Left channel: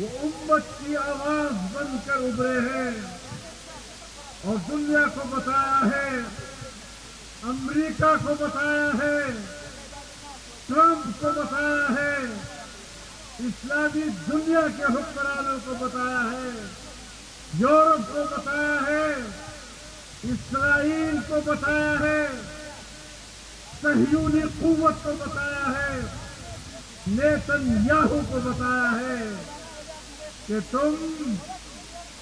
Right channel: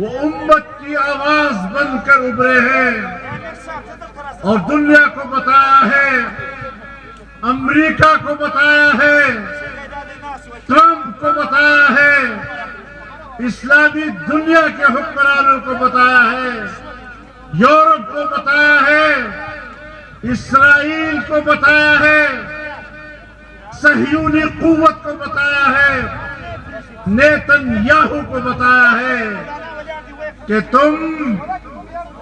وہ امت کی آواز بن کر ابھرے ہیں اور دنیا کو بتایا ہے، امریکہ کو بتایا ہے، ٹرمپ کو بتایا ہے، اسلامی دنیا کے حکمرانوں کو بتایا ہے، یورپ کو بتایا ہے، اسرائیل کو بتایا ہے، صہیونی قوت کو بتایا ہے، نیتن یاہو کو بتایا ہے کہ تم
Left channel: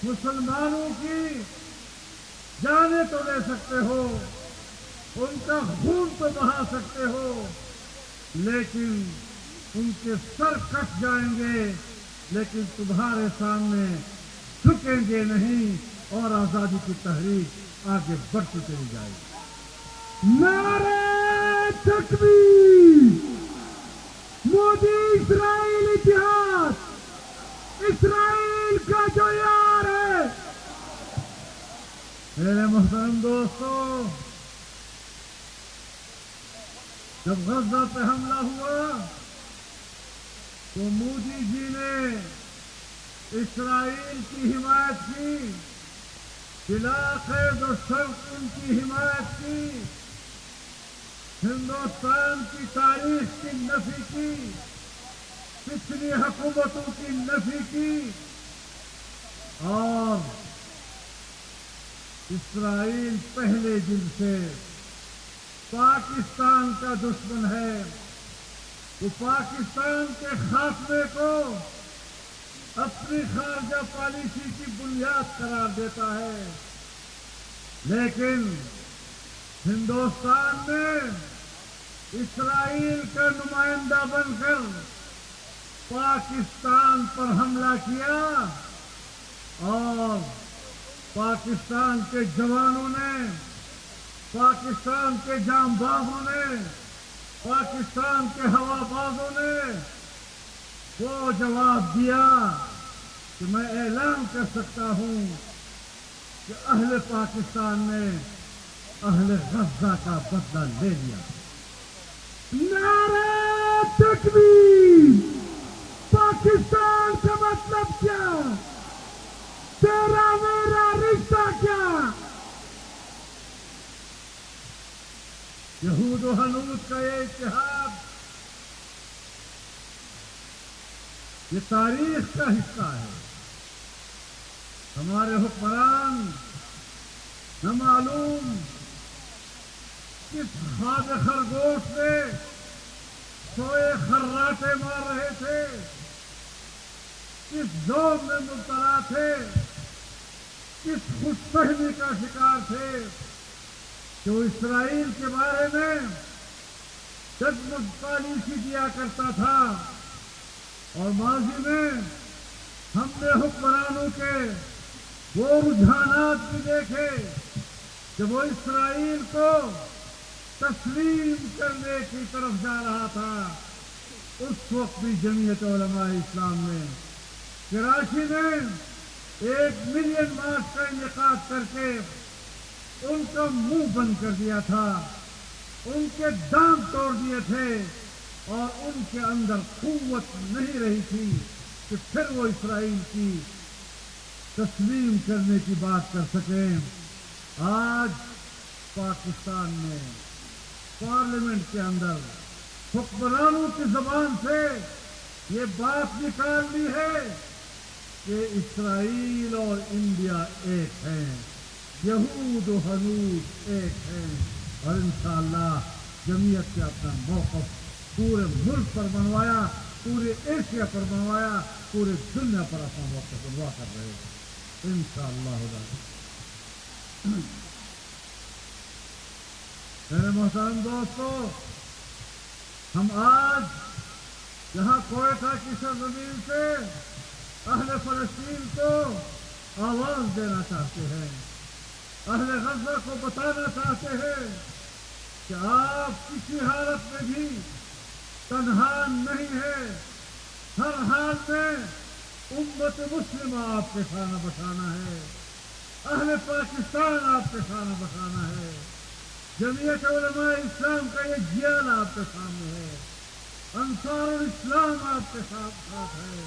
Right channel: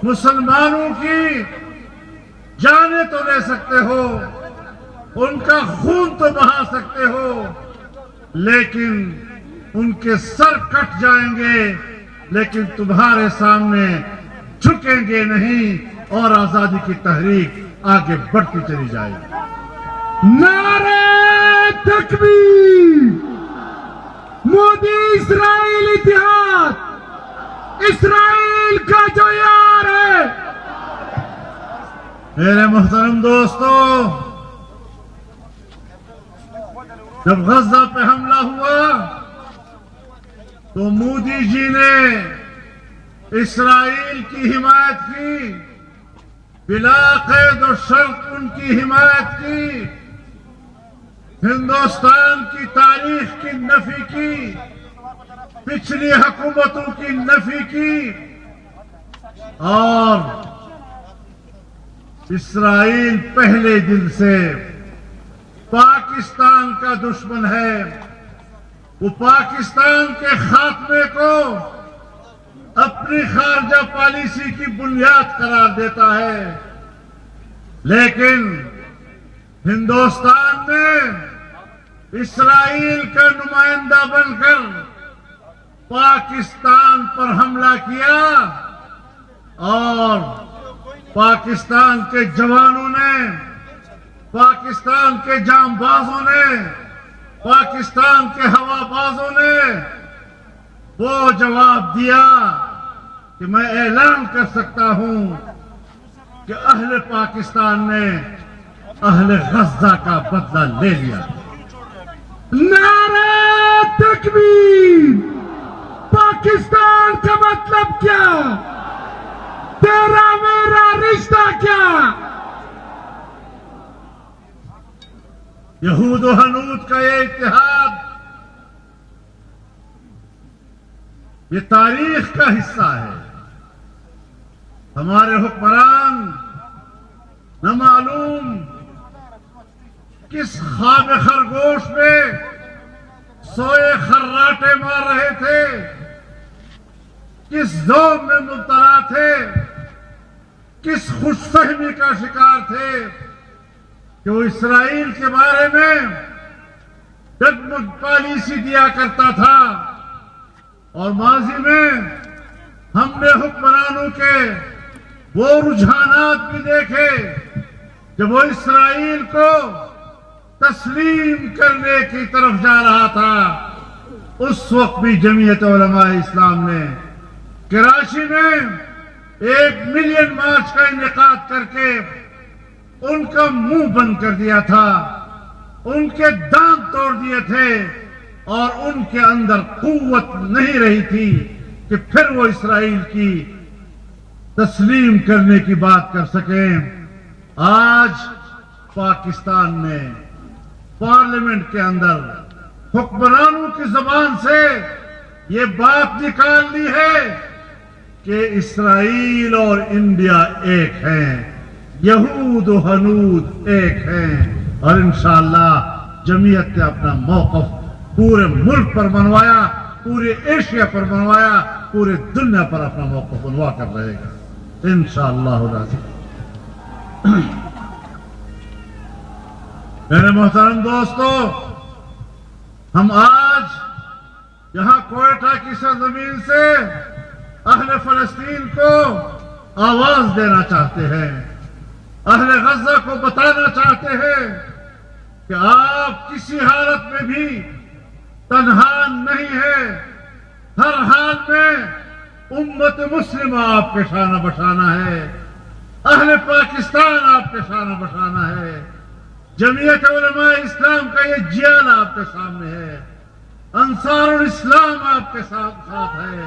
مسلمانوں کی جانیں تو لے سکتے ہو، ان کا خون تو بہا سکتے ہو، لیکن ان کے سر کٹ جائیں گے، لیکن تمہارے سامنے جھکیں گے نہیں اور آزادی کی تحریک آگے بڑھتی چلی جائے گی۔ نعرہ تکبیر! مودی اسرائیل اتحاد، اسرائیل کا جو یار ہے۔ میرے محترم دوستو، جب غزہ پہ حملہ ہوا تو مودی جی نے اسرائیل کی حمایت کی، بلا قید و شرط ان کی حمایت کی، ہندوستان کی تاریخ کی نفی کی، پچھلی حکومتوں کی نفی کی، اور اسرائیل پہلے دن سے پاکستان کا دشمن ہے، وہ پاکستان کے خاتمے کو اپنی خارجہ پالیسی کی بنیاد قرار دیتا ہے، لیکن ہندوستان نے اسرائیل کا نمائندہ بن کر پاکستان پر حملہ کیا اور پاکستان کے جوانوں نے، پاکستان کے جام بازوں نے، پاکستان کے ہوا بازوں نے وہ جواب دیا کہ میں اعلان کر سکتا ہوں کہ اہل پاکستان نے اہل غزہ کا بدلہ لے لیا۔ نعرہ تکبیر! پاکستان کا مطلب کیا؟ تیرا میرا رشتہ کیا؟ یہود و ہنود کا یہ اتحاد یہ تاریخ کا حصہ ہے۔ ہمارے حکمران نہ معلوم کس خواب خرگوش میں سوئے خراٹے مار رہے تھے، کس ذوق میں مبتلا تھے، کس خوش فہمی کا شکار تھے کہ وہ اسرائیل کے بارے میں جگمگ پالیسی دیا کرتا تھا، اور ماضی میں ہم نے حکمرانوں کے وہ رجحانات بھی دیکھے جب وہ اسرائیل کو تسلیم کرنے کی طرف جا رہا تھا۔ اس وقت بھی جمعیت علماء اسلام نے کراچی میں 1 ملین مارچ کا انعقاد کر کے ان کا منہ بند کر دیا تھا، ان کے دانت توڑ دیے تھے، اور ان کے اندر قوت نہیں رہی تھی کہ پھر وہ اسرائیل کی تسلیم کرنے کی بات کر سکیں۔ آج پاکستان نے پارلیمنٹ کے اندر حکمرانوں کی زبان سے یہ بات نکال لی ہے کہ اسرائیل اور انڈیا ایک ہیں، یہود و ہنود ایک ہیں، اور انشاءاللہ جمعیت نے اپنا موقف پورے ملک پر بنوایا، پورے ایشیا پر بنوایا، پورے دنیا پر اپنا موقف بنوا کر رہے گا انشاءاللہ العزیز۔ میرے محترم دوستو، ہم آج یہاں کوئٹہ کی سرزمین سے اہل فلسطین کو آواز دینا چاہتے ہیں، اہل غزہ کو بتانا چاہتے ہیں کہ آپ کسی حالت میں بھی تنہا نہیں ہے، ہر حال میں امت مسلمہ آپ کے شانہ بشانہ ہے، اہل پاکستان آپ کے شانہ بشانہ ہے، جمعیت علماء اسلام کا یہ جیل آپ کے سامنے ہے، انصار الاسلام آپ کے ساتھ ہے،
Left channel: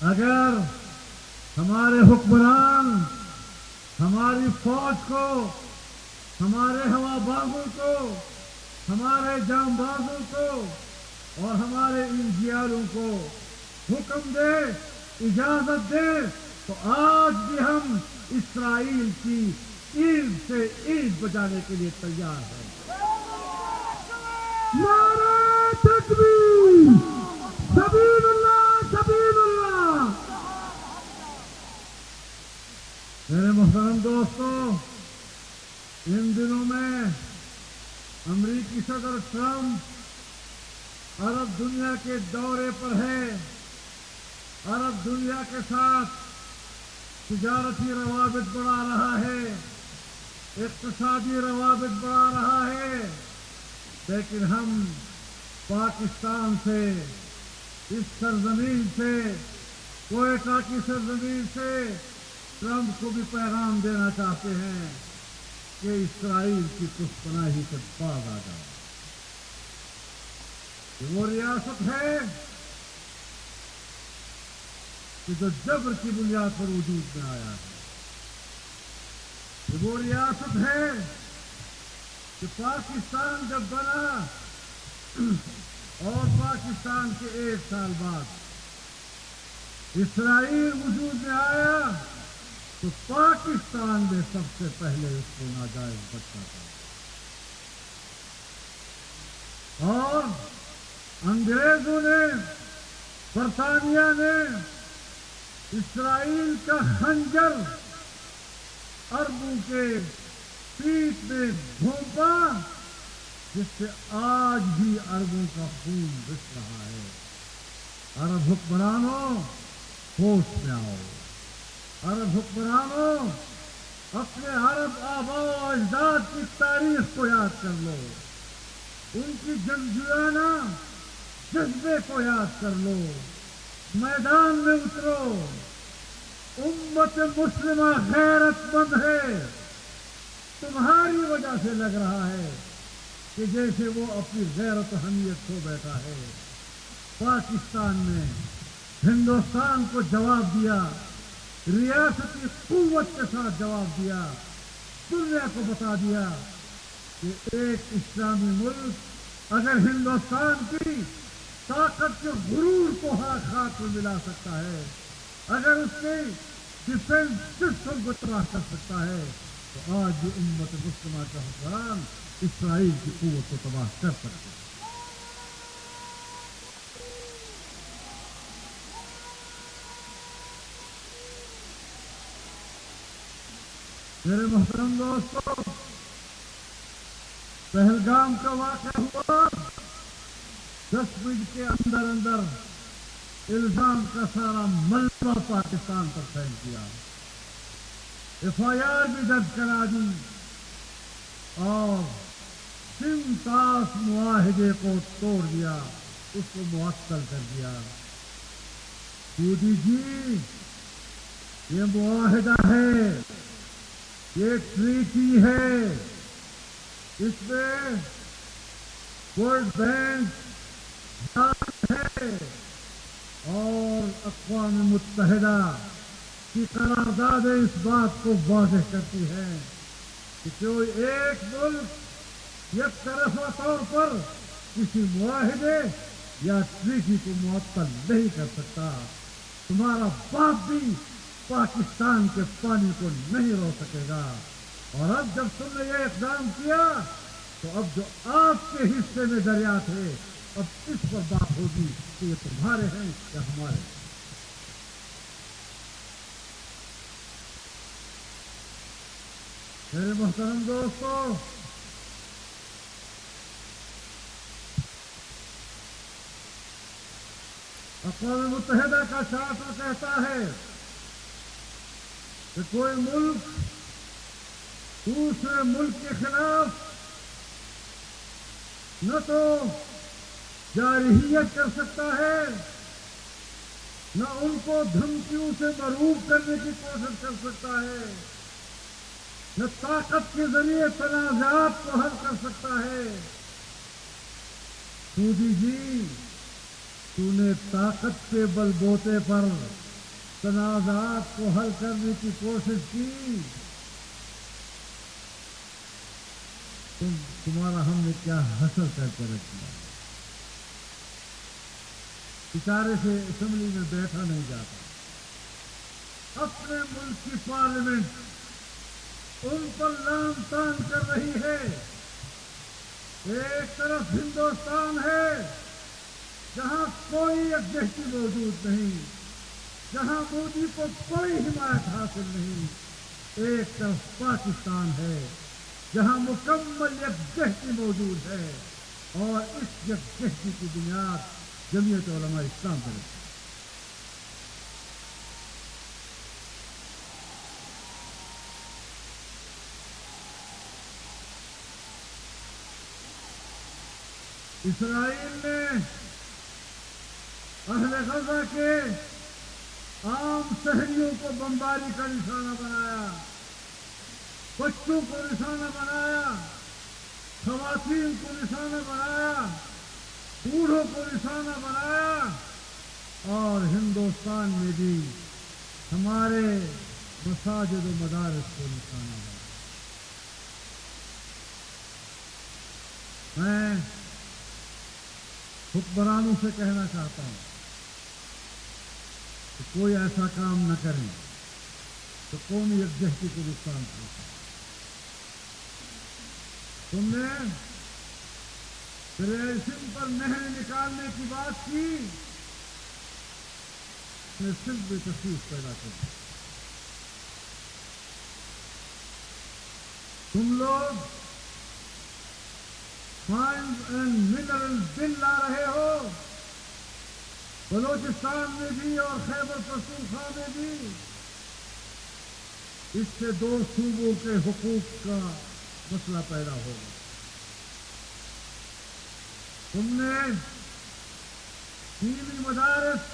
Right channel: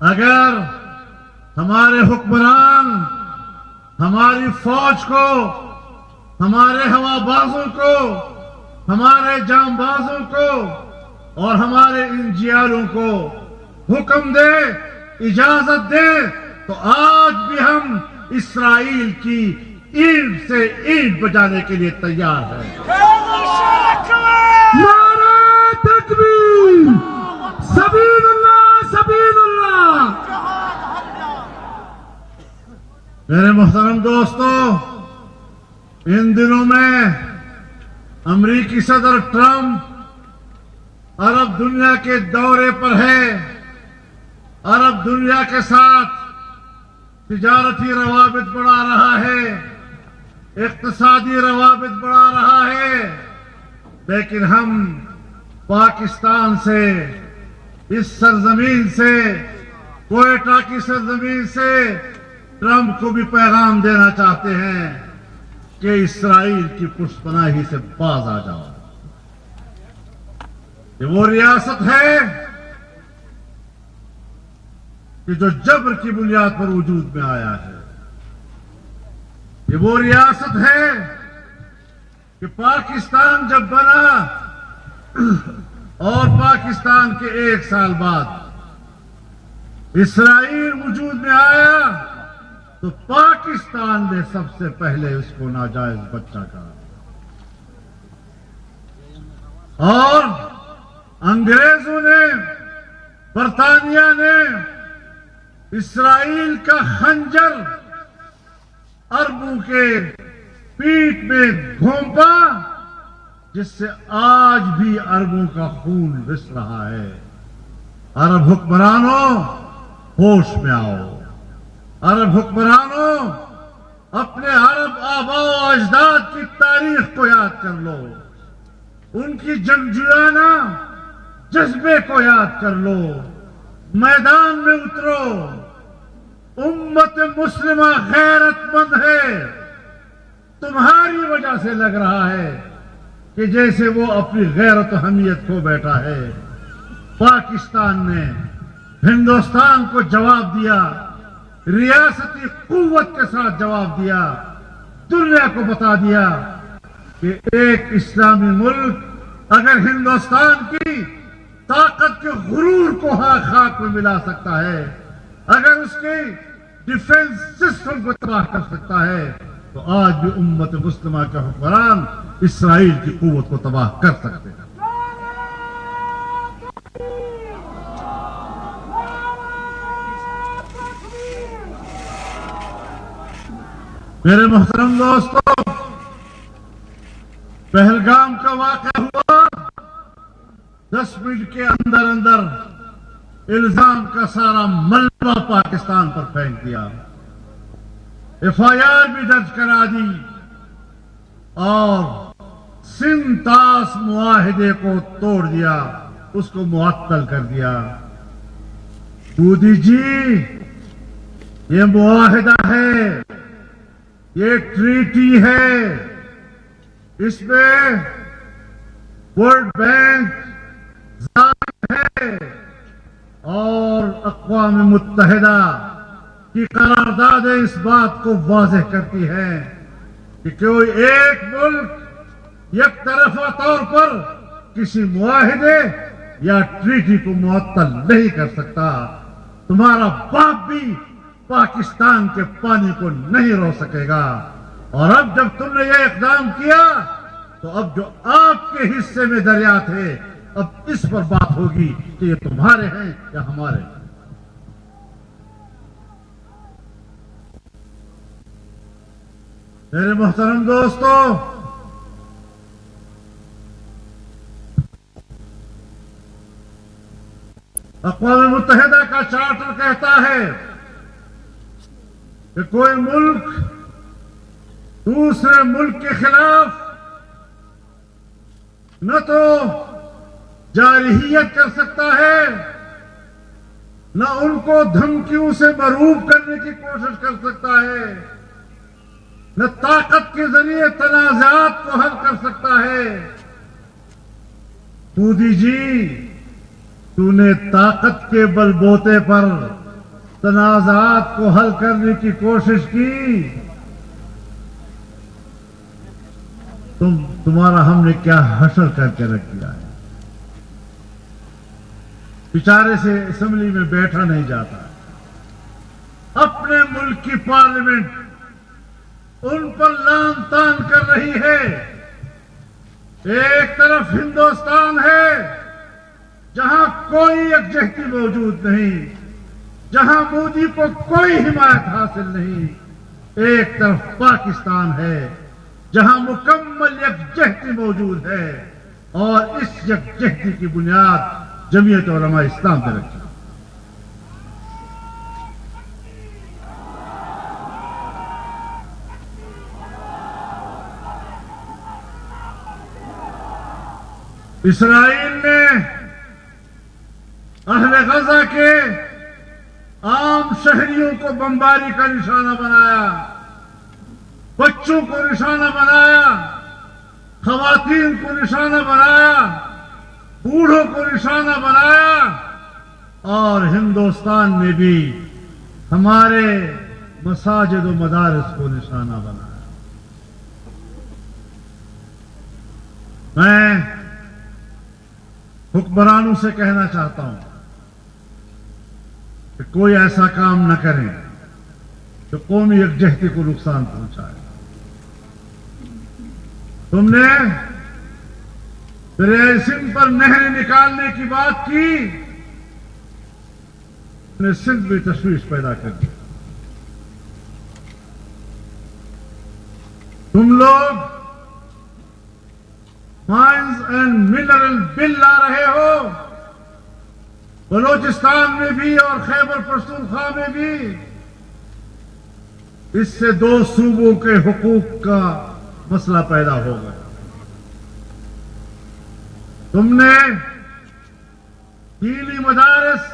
اگر ہمارے حکمران ہماری فوج کو، ہمارے ہوا بازوں کو، ہمارے جام بازوں کو اور ہمارے انجیلوں کو حکم دے، اجازت دے، تو آج بھی ہم اسرائیل کی اینٹ سے اینٹ بجانے کے لیے تیار ہیں۔ نعرہ تکبیر، سبیل اللہ، سبیل اللہ۔ میرے محترم دوستو، ان دنوں میں امریکی صدر ٹرمپ عرب دنیا کے دورے پر ہے، عرب دنیا کے ساتھ تجارتی روابط بڑھا رہا ہے، اقتصادی روابط بڑھا رہا ہے، لیکن ہم پاکستان سے، اس سرزمین سے، کوئٹہ کی سرزمین سے ٹرمپ کو بھی پیغام دینا چاہتے ہیں کہ اسرائیل کی پشت پناہی سے باز آ جاؤ۔ یہ وہ ریاست ہے کہ جو جبر کی بنیاد پر وجود میں آیا ہے، یہ وہ ریاست ہے کہ پاکستان جب بنا اور پاکستان کے 1 سال بعد اسرائیل وجود میں آیا تو پاکستان نے سب سے پہلے اس کو ناجائز بچہ کہا، اور انگریزوں نے، برطانیہ نے اسرائیل کا خنجر عربوں کے پیٹھ میں گھونپا، جس سے آج بھی عربوں کا خون رس رہا ہے۔ عرب حکمرانوں، ہوش میں آؤ۔ عرب حکمرانوں، اپنے عرب آباء و اجداد کی تاریخ کو یاد کر لو، ان کی جنگجویانہ جذبے کو یاد کر لو، میدان میں اترو۔ امت مسلمہ غیرت مند ہے، تمہاری وجہ سے لگ رہا ہے کہ جیسے وہ اپنی غیرت و حمیت کھو بیٹھا ہے۔ پاکستان نے ہندوستان کو جواب دیا، ریاستی قوت کے ساتھ جواب دیا، دنیا کو بتا دیا کہ ایک اسلامی ملک اگر ہندوستان کی طاقت کے غرور کو خاک میں ملا سکتا ہے، اگر اس کے ڈیفنس سسٹم کو تباہ کر سکتا ہے، تو آج بھی امت مسلمہ کے حکمران اسرائیل کی قوت کو تباہ کر سکتے ہیں۔ میرے محترم دوستو، پہلگام کا واقعہ ہوا، 10 منٹ کے اندر اندر الزام کا سارا ملبہ پاکستان پر پھینک دیا، FIR بھی درج کرا دی اور سنتاس معاہدے کو توڑ دیا، اس کو معطل کر دیا۔ مودی جی، یہ معاہدہ ہے، یہ ٹریٹی ہے، اس میں ورلڈ بینک ہے اور اقوام متحدہ کی قراردادیں اس بات کو واضح کرتی ہیں کہ کوئی ایک ملک یک طرفہ طور پر کسی معاہدے یا ٹریٹی کو معطل نہیں کر سکتا۔ تمہارا باپ بھی پاکستان کے پانی کو نہیں رو سکے گا، اور اب جب تم نے یہ اقدام کیا تو اب جو آپ کے حصے میں دریا تھے، اب اس پر بات ہوگی کہ یہ تمہارے ہیں یا ہمارے ہیں۔ میرے محترم دوستو، اقوام متحدہ کا چارٹر کہتا ہے کہ کوئی ملک دوسرے ملک کے خلاف نہ تو جارحیت کر سکتا ہے، نہ ان کو دھمکیوں سے مروب کرنے کی کوشش کر سکتا ہے، نہ طاقت کے ذریعے تنازعات کو حل کر سکتا ہے۔ مودی جی، تو نے طاقت کے بل بوتے پر تنازعات کو حل کرنے کی کوشش کی، تمہارا ہم نے کیا حشر کر کے رکھ دیا ہے۔ بیچارے سے اسمبلی میں بیٹھا نہیں جاتا، اپنے ملک کی پارلیمنٹ ان پر لان تان کر رہی ہے۔ ایک طرف ہندوستان ہے جہاں کوئی یکجہتی موجود نہیں، جہاں مودی کو کوئی حمایت حاصل نہیں، ایک طرف پاکستان ہے جہاں مکمل یکجہتی موجود ہے، اور اس یکجہتی کی بنیاد جمعیت علماء اسلام پہ رکھی۔ اسرائیل نے اہل غزہ کے عام شہریوں کو بمباری کا نشانہ بنایا، بچوں کو نشانہ بنایا، خواتین کو نشانہ بنایا، بوڑھوں کو نشانہ بنایا، اور ہندوستان میں بھی ہمارے مساجد و مدارس کو نشانہ بنایا۔ میں حکمرانوں سے کہنا چاہتا ہوں کہ کوئی ایسا کام نہ کریں جو قومی یکجہتی کو نقصان پہنچائے۔ تم نے دریائے سندھ پر نہر نکالنے کی بات کی، نے سندھ میں تشویش پیدا کر دی۔ تم لوگ مائنز اینڈ منرل بل لا رہے ہو، بلوچستان میں بھی اور خیبر پختونخوا میں بھی۔ اس سے دو صوبوں کے حقوق کا مسئلہ پیدا ہوگا۔ تم نے دینی مدارس،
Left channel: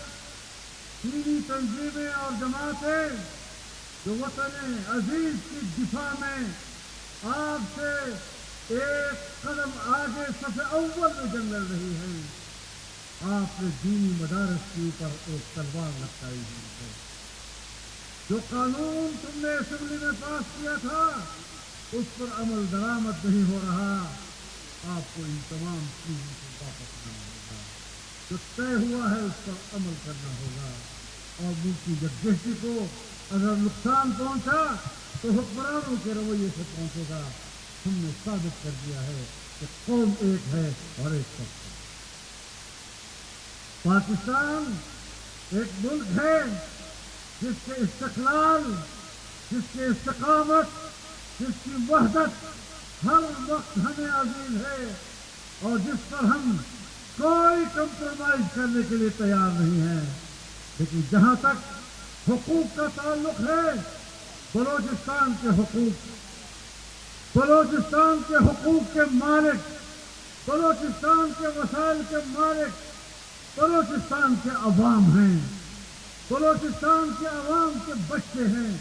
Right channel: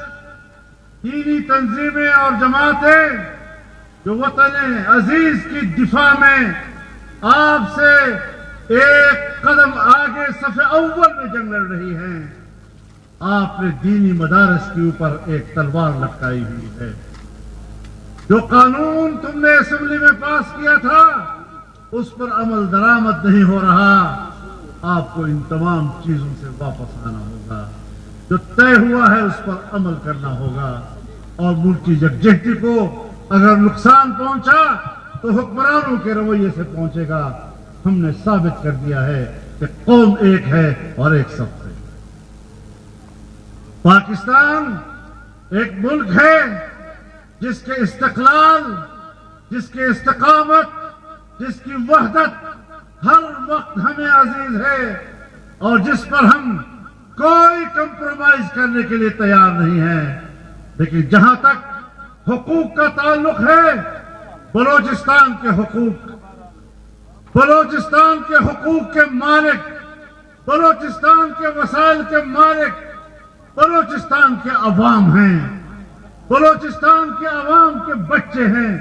دینی تنظیمیں اور جماعتیں جو وطن عزیز کی دفاع میں آپ سے ایک قدم آگے صف اول میں جنگ لڑ رہی ہیں، آپ نے دینی مدارس کے اوپر ایک تلوار لٹکائی ہوئی ہے۔ جو قانون تم نے اسمبلی میں پاس کیا تھا اس پر عمل درآمد نہیں ہو رہا، آپ کو ان تمام چیزوں سے واپس آنا ہوگا۔ جو طے ہوا ہے اس پر عمل کرنا ہوگا، اور ملک کی یکجہتی کو اگر نقصان پہنچا تو حکمرانوں کے رویے سے پہنچے گا۔ ہم نے ثابت کر دیا ہے کہ قوم ایک ہے اور ایک سب ہے۔ پاکستان ایک ملک ہے جس کے استقلال، جس کے استقامت، جس کی وحدت ہر وقت ہمیں عزیز ہے، اور جس پر ہم کوئی کمپرومائز کرنے کے لیے تیار نہیں ہیں۔ لیکن جہاں تک حقوق کا تعلق ہے، بلوچستان کے حقوق، بلوچستان کے حقوق کے مالک، بلوچستان کے وسائل کے مالک بلوچستان کے عوام ہیں، بلوچستان کے عوام کے بچے ہیں،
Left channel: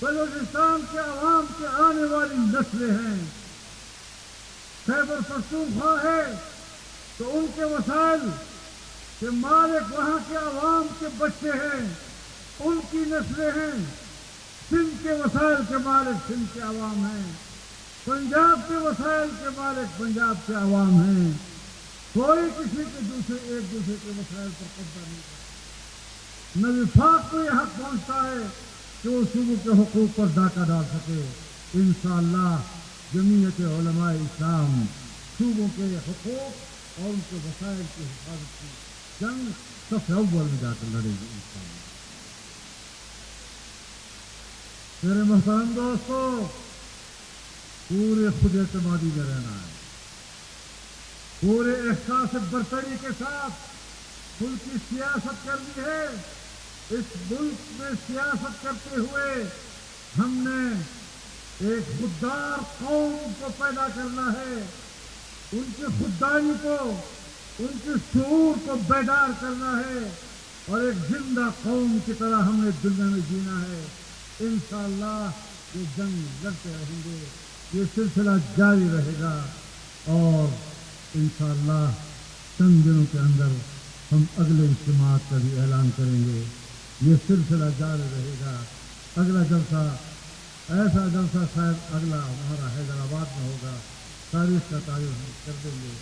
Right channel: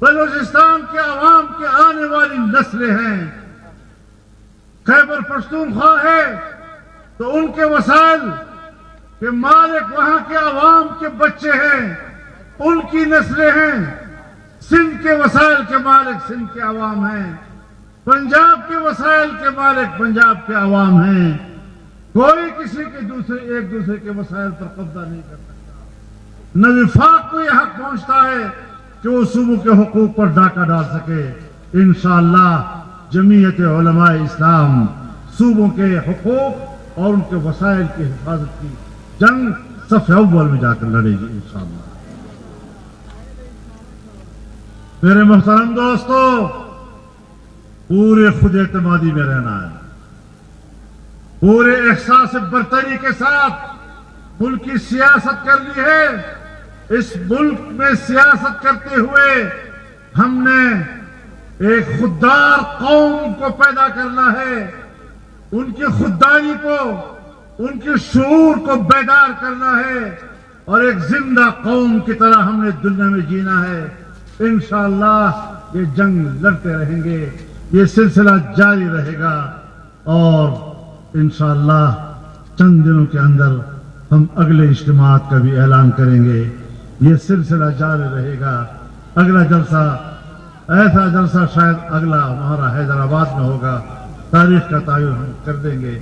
بلوچستان کے عوام کے آنے والی نسلیں ہیں۔ خیبر پختونخوا ہے تو ان کے وسائل کے مالک وہاں کے عوام کے بچے ہیں، ان کی نسلیں ہیں۔ سندھ کے وسائل کے مالک سندھ کے عوام ہیں، پنجاب کے وسائل کے مالک پنجاب کے عوام ہیں۔ کوئی کسی کے ایک دوسرے کے وسائل پر قبضہ نہیں کر سکتا۔ نہ وفاق کو یہ حق پہنچتا ہے کہ وہ صوبوں کے حقوق پر ڈاکہ ڈال سکے۔ انشاءاللہ جمعیت علماء اسلام صوبوں کے حقوق اور ان کے وسائل کی حفاظت کی جنگ صف اول میں جا کر لڑے گی انشاءاللہ۔ میرے محترم دوستو، پورے خود اعتمادی میں رہنا ہے، پورے احساس برتری کے ساتھ ملک کی سیاست کرنی ہے۔ اس ملک میں سیاست کرتے ہوئے ہم نے ایک خوددار قوم کو پیدا کرنا ہے، ان کی خودداری کو، ان کے شعور کو بیدار کرنا ہے، اور ایک زندہ قوم کی طرح ہم نے دنیا میں جینا ہے۔ انشاءاللہ یہ جنگ لڑتے رہیں گے، یہ سلسلہ جاری رہے گا، اور انشاءاللہ چند دنوں کے اندر ہم اگلے اجتماعات کا بھی اعلان کریں گے۔ یہ سلسلہ جاری رہے گا. اگلا جلسہ ایسا جلسہ شاید اگلا ہمارا حیدرآباد میں ہوگا. تاریخ کا تعین ہم کر دیں گے.